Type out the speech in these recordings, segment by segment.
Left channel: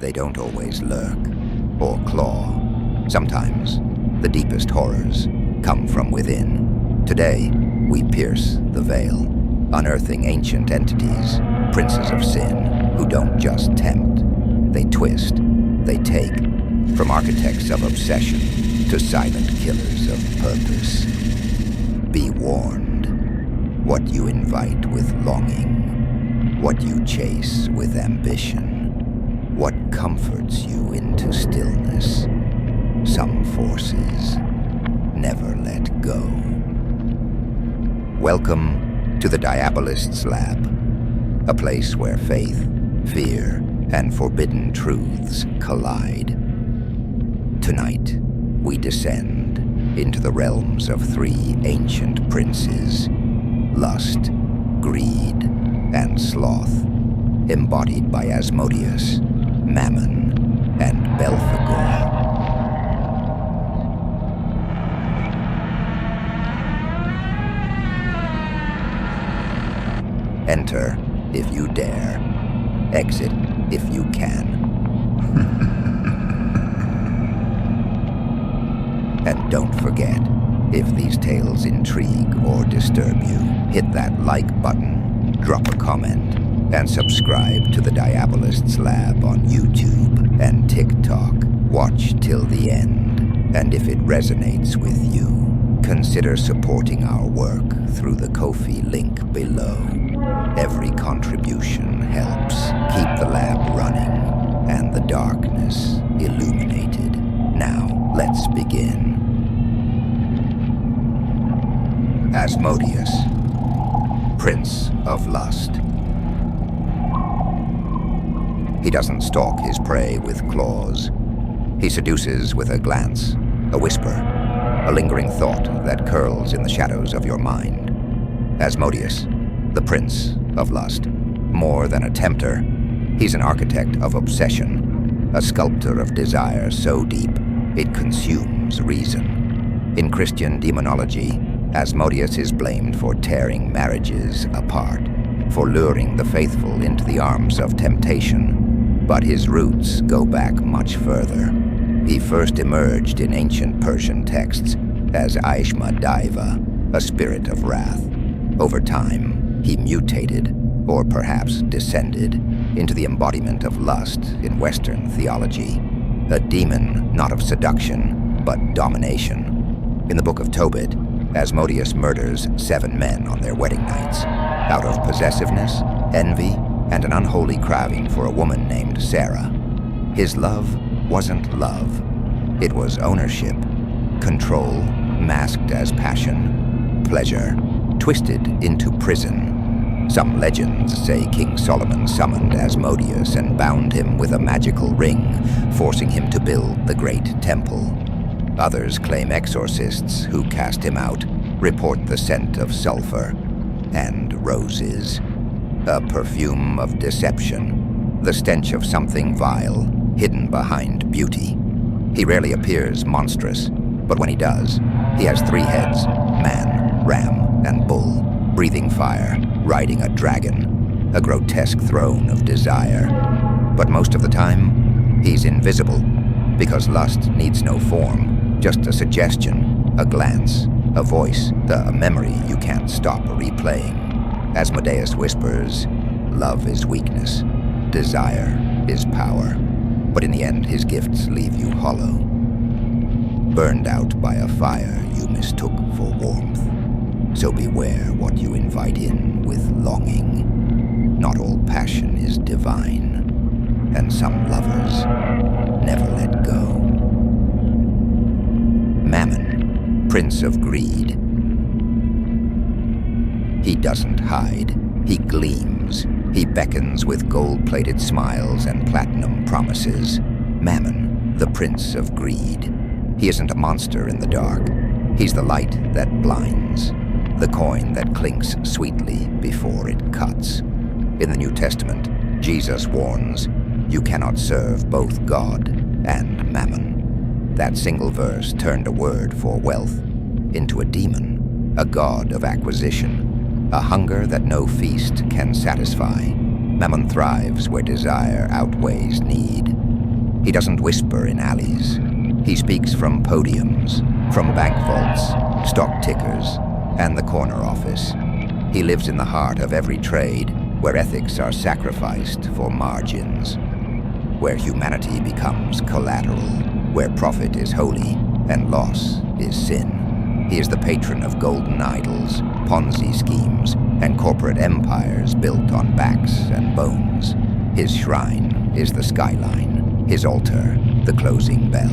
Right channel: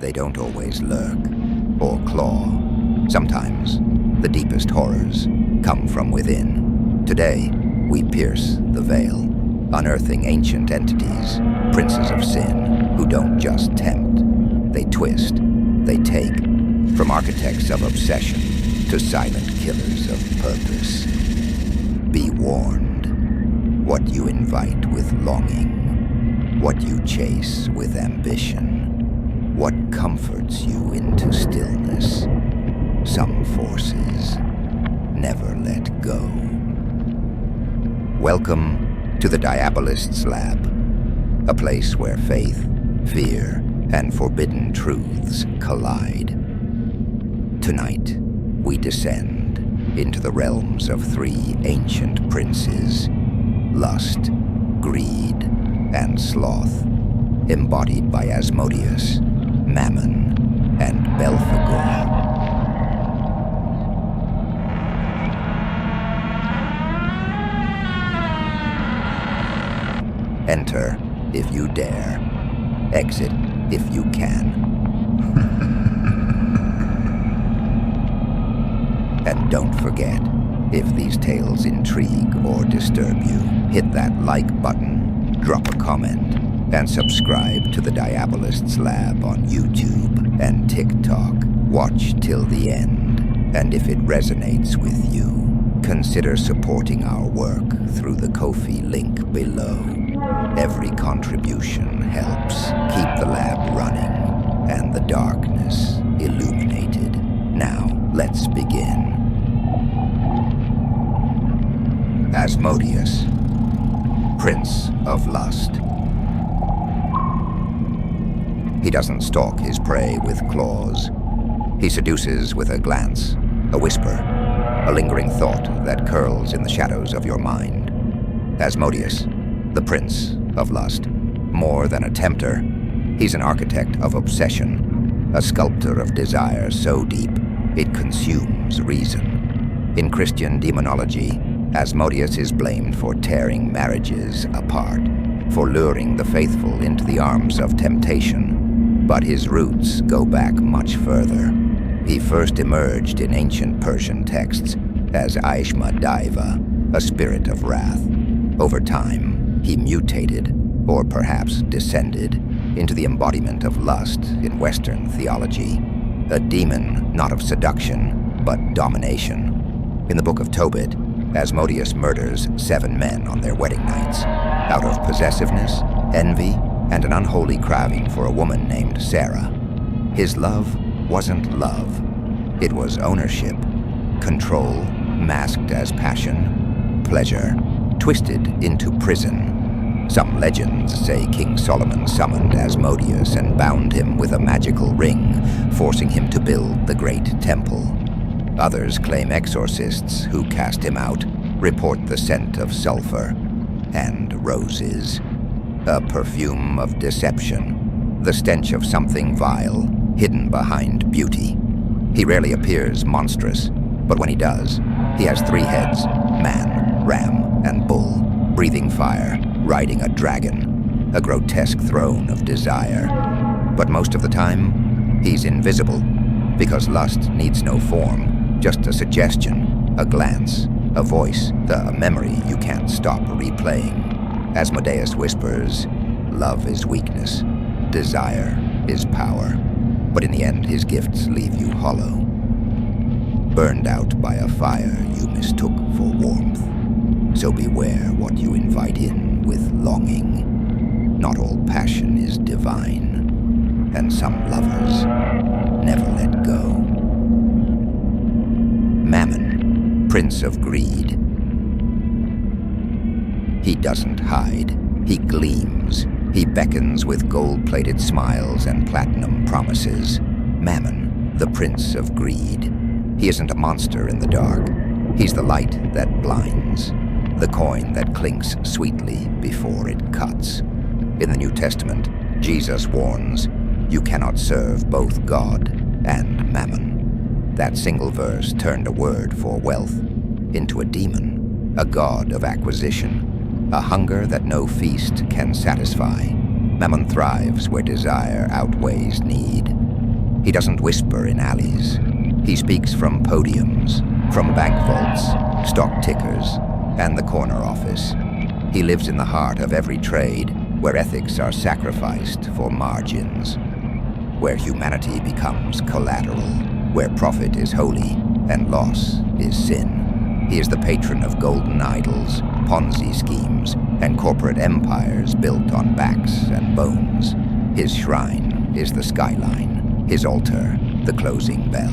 They don't always lurk or claw. Sometimes the deepest horrors come from within. Today, we pierce the veil, unearthing ancient entities, princes of sin, who don't just tempt. They twist, they take, from architects of obsession to silent killers of purpose. Be warned. What you invite with longing, what you chase with ambition, what comforts you into stillness, some forces never let go. Welcome to the Diabolist's Lab, a place where faith, fear, and forbidden truths collide. Tonight, we descend into the realms of three ancient princes, lust, greed, and sloth, embodied by Asmodeus, Mammon, and Belphegor. Enter if you dare, exit if you can. And don't forget, if these tales intrigue or disturb you, hit that like button, drop a comment, and subscribe to the Diabolist's Lab on YouTube and TikTok. Watch till the end, and if it resonates with you, consider supporting our work through the Ko-fi link below. Every contribution helps keep the lab running and the darkness illuminated. Now, let's begin. Asmodeus, Prince of Lust. He doesn't stalk his prey with claws. He seduces with a glance, a whisper, a lingering thought that curls in the shadows of your mind. Asmodeus, the Prince of Lust. More than a tempter, he's an architect of obsession, a sculptor of desire so deep it consumes reason. In Christian demonology, Asmodeus is blamed for tearing marriages apart, for luring the faithful into the arms of temptation. But his roots go back much further. He first emerged in ancient Persian texts as Asmodeus, a spirit of wrath. Over time, he mutated, or perhaps descended, into the embodiment of lust in Western theology. A demon not of seduction, but domination. In the Book of Tobit, Asmodeus murders 7 men on their wedding nights, out of possessiveness, envy, and an unholy craving for a woman named Sarah. His love wasn't love. It was ownership, control, masked as passion, pleasure, twisted into prison. Some legends say King Solomon summoned Asmodeus and bound him with a magical ring, forcing him to build the great temple. Others claim exorcists who cast him out report the scent of sulfur and roses, a perfume of deception, the stench of something vile, hidden behind beauty. He rarely appears monstrous, but when he does, he has 3 heads, man, ram, and bull, breathing fire, riding a dragon, a grotesque throne of desire. But most of the time, he's invisible, because lust needs no form. Just a suggestion, a glance, a voice, a memory you can't stop replaying. Asmodeus whispers, love is weakness, desire is power. But in the end, his gifts leave you hollow, burned out by a fire you mistook for warmth. So beware what you invite in with longing. Not all passion is divine, and some lovers never let go. Mammon, Prince of Greed. He doesn't hide, he gleams. He beckons with gold-plated smiles and platinum promises. Mammon, the Prince of Greed. He isn't a monster in the dark. He's the light that blinds, the coin that clinks sweetly before it cuts. In the New Testament, Jesus warns, you cannot serve both God and Mammon. That single verse turned a word for wealth into a demon, a god of acquisition, a hunger that no feast can satisfy. Mammon thrives where desire outweighs need, He doesn't whisper in alleys. He speaks from podiums, from bank vaults, stock tickers, and the corner office. He lives in the heart of every trade where ethics are sacrificed for margins, where humanity becomes collateral, where profit is holy and loss is sin. He is the patron of golden idols, Ponzi schemes, and corporate empires built on backs and bones. His shrine is the skyline, his altar, the closing bell,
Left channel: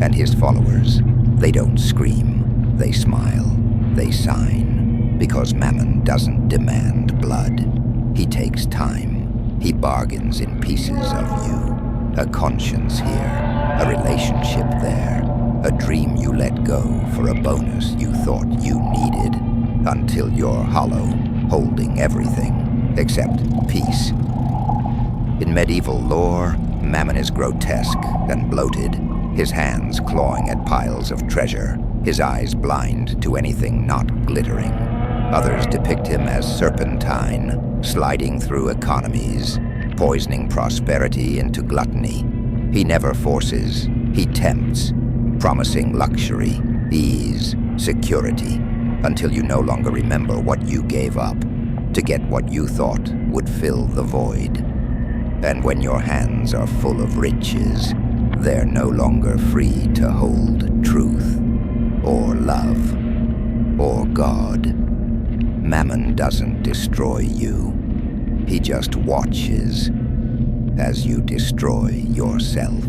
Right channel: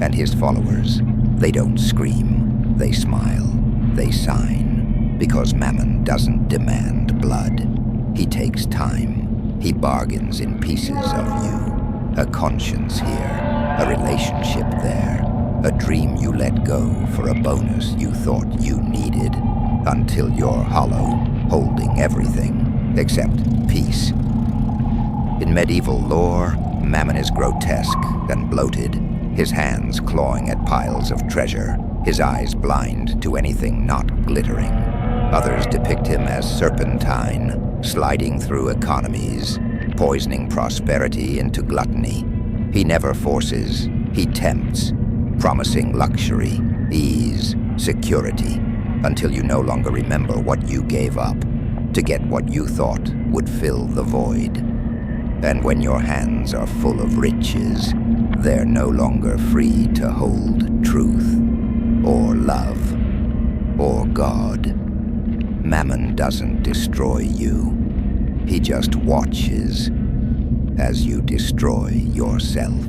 and his followers, they don't scream, they smile, they sign, because Mammon doesn't demand blood. He takes time, he bargains in pieces of you. A conscience here, a relationship there, a dream you let go for a bonus you thought you needed, until you're hollow, holding everything except peace. In medieval lore, Mammon is grotesque and bloated, his hands clawing at piles of treasure, his eyes blind to anything not glittering. Others depict him as serpentine, sliding through economies, poisoning prosperity into gluttony. He never forces, he tempts, promising luxury, ease, security, until you no longer remember what you gave up to get what you thought would fill the void. And when your hands are full of riches, they're no longer free to hold truth, or love, or God. Mammon doesn't destroy you. He just watches as you destroy yourself.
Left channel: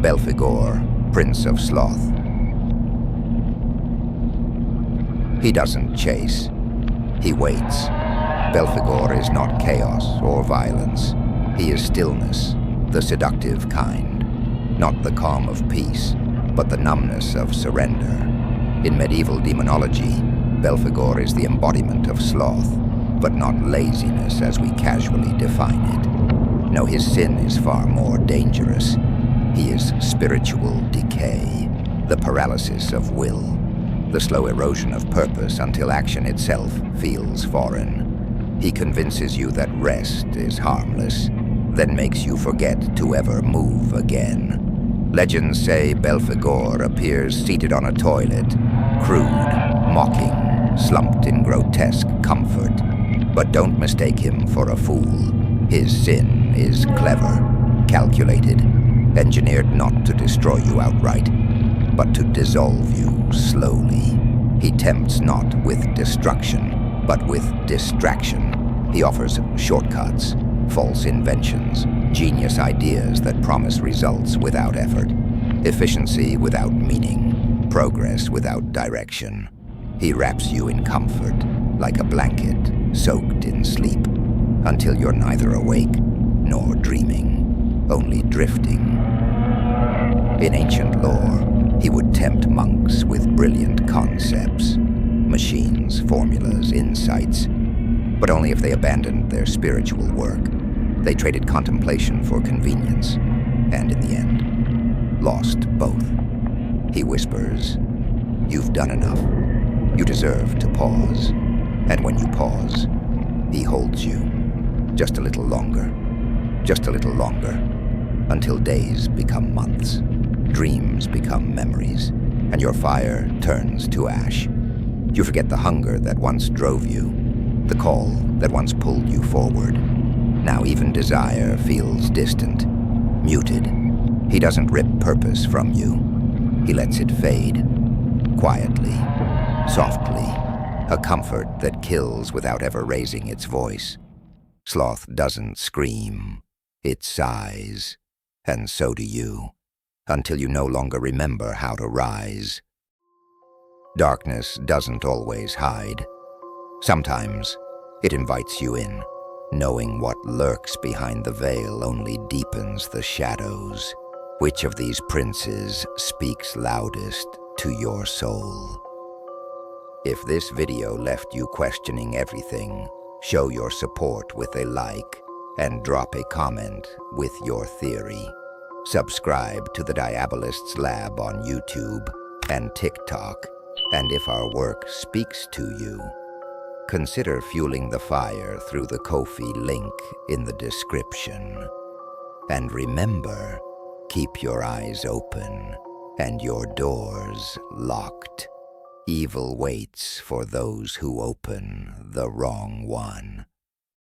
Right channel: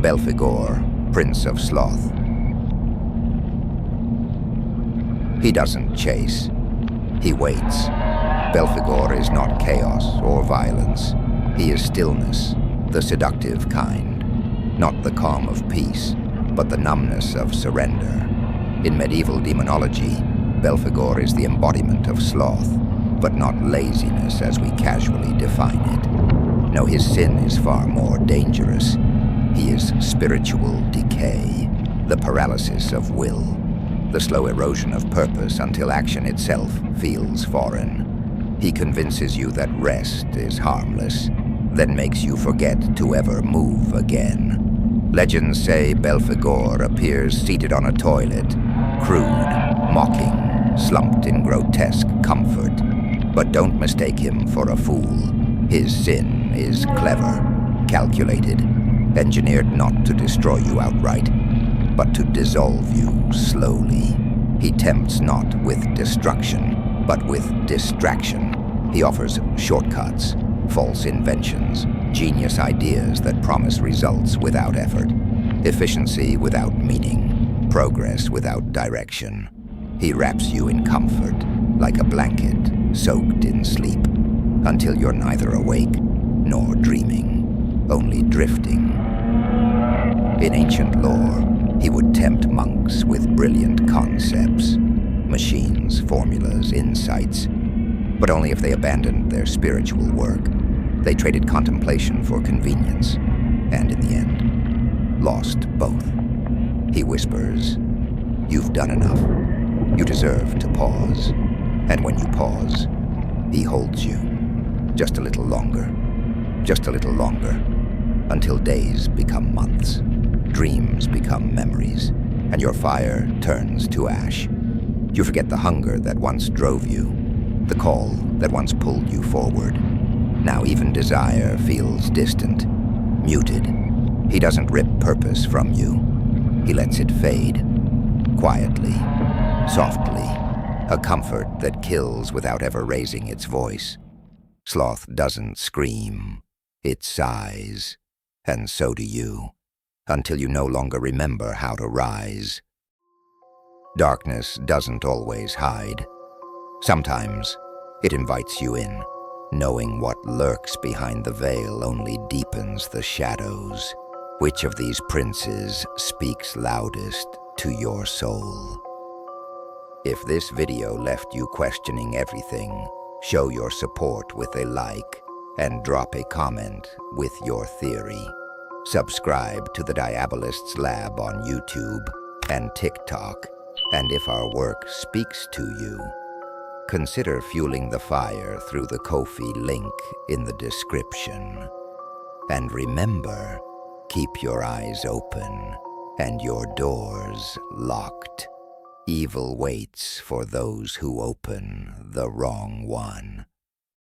Belphegor, Prince of Sloth. He doesn't chase. He waits. Belphegor is not chaos or violence. He is stillness, the seductive kind. Not the calm of peace, but the numbness of surrender. In medieval demonology, Belphegor is the embodiment of sloth, but not laziness as we casually define it. No, his sin is far more dangerous. He is spiritual decay, the paralysis of will, the slow erosion of purpose until action itself feels foreign. He convinces you that rest is harmless, then makes you forget to ever move again. Legends say Belphegor appears seated on a toilet, crude, mocking, slumped in grotesque comfort. But don't mistake him for a fool. His sin is clever, calculated, engineered not to destroy you outright, but to dissolve you slowly. He tempts not with destruction, but with distraction. He offers shortcuts, false inventions, genius ideas that promise results without effort, efficiency without meaning, progress without direction. He wraps you in comfort, like a blanket soaked in sleep, until you're neither awake nor dreaming, only drifting. In ancient lore, he would tempt monks with brilliant concepts, machines, formulas, insights, but only if they abandoned their spiritual work. They traded contemplation for convenience, and in the end, lost both. He whispers, "You've done enough. You deserve to pause." And when you pause, he holds you. Just a little longer, just a little longer, until days become months, dreams become memories, and your fire turns to ash. You forget the hunger that once drove you, the call that once pulled you forward. Now even desire feels distant, muted. He doesn't rip purpose from you. He lets it fade, quietly, softly, a comfort that kills without ever raising its voice. Sloth doesn't scream, it sighs, and so do you, until you no longer remember how to rise. Darkness doesn't always hide. Sometimes it invites you in, knowing what lurks behind the veil only deepens the shadows. Which of these princes speaks loudest to your soul? If this video left you questioning everything, show your support with a like and drop a comment with your theory. Subscribe to the Diabolist's Lab on YouTube and TikTok, and if our work speaks to you, consider fueling the fire through the Ko-fi link in the description. And remember, keep your eyes open and your doors locked. Evil waits for those who open the wrong one.